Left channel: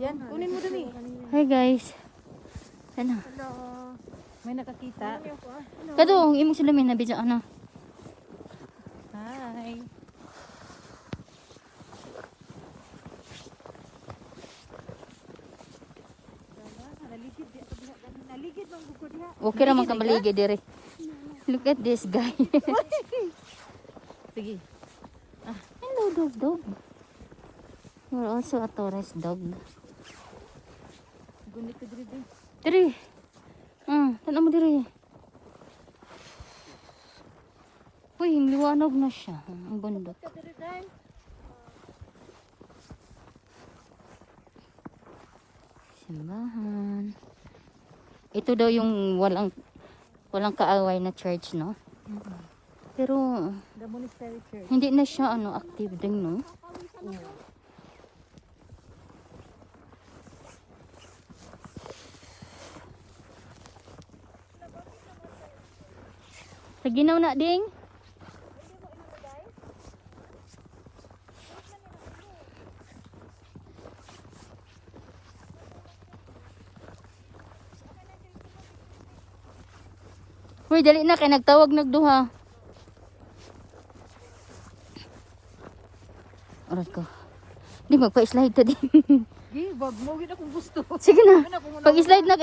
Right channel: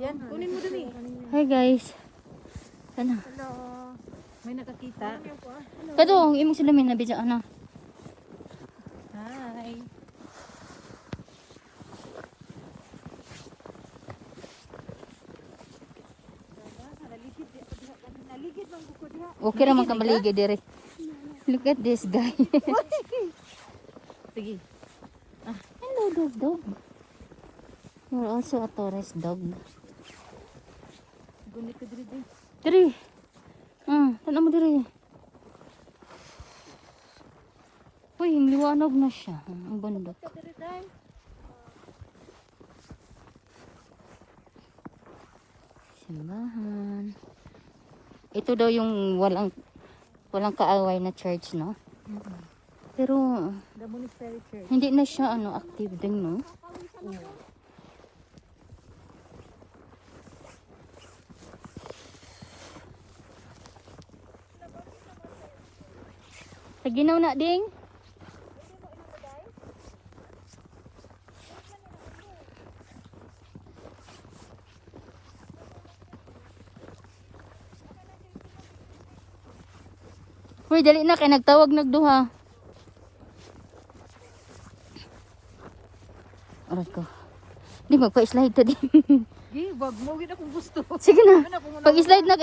Yan, kunin mo dali. Hi guys. Ano? Hello. May nakakita. Kato, ang imong sulamin na bidya ano. Hi. Okay ra man ka maligid dire. Look at this guy. Sige. Hello dog. You're also a tourist dog. Diri. Tanong mo diri. Uy, liwanag na siya. Ang bundok. Simbahan. Ito daw yung walang kaaway na church, no? Pero The monastery church. hindi na siya active din, no? Paginaw na ding. Uy, dali na kay nagtawag nagduha. Oras ko. Di magpa-slide to din. Di, wag mo. Gina kung gusto. Sige na. Pag-slide na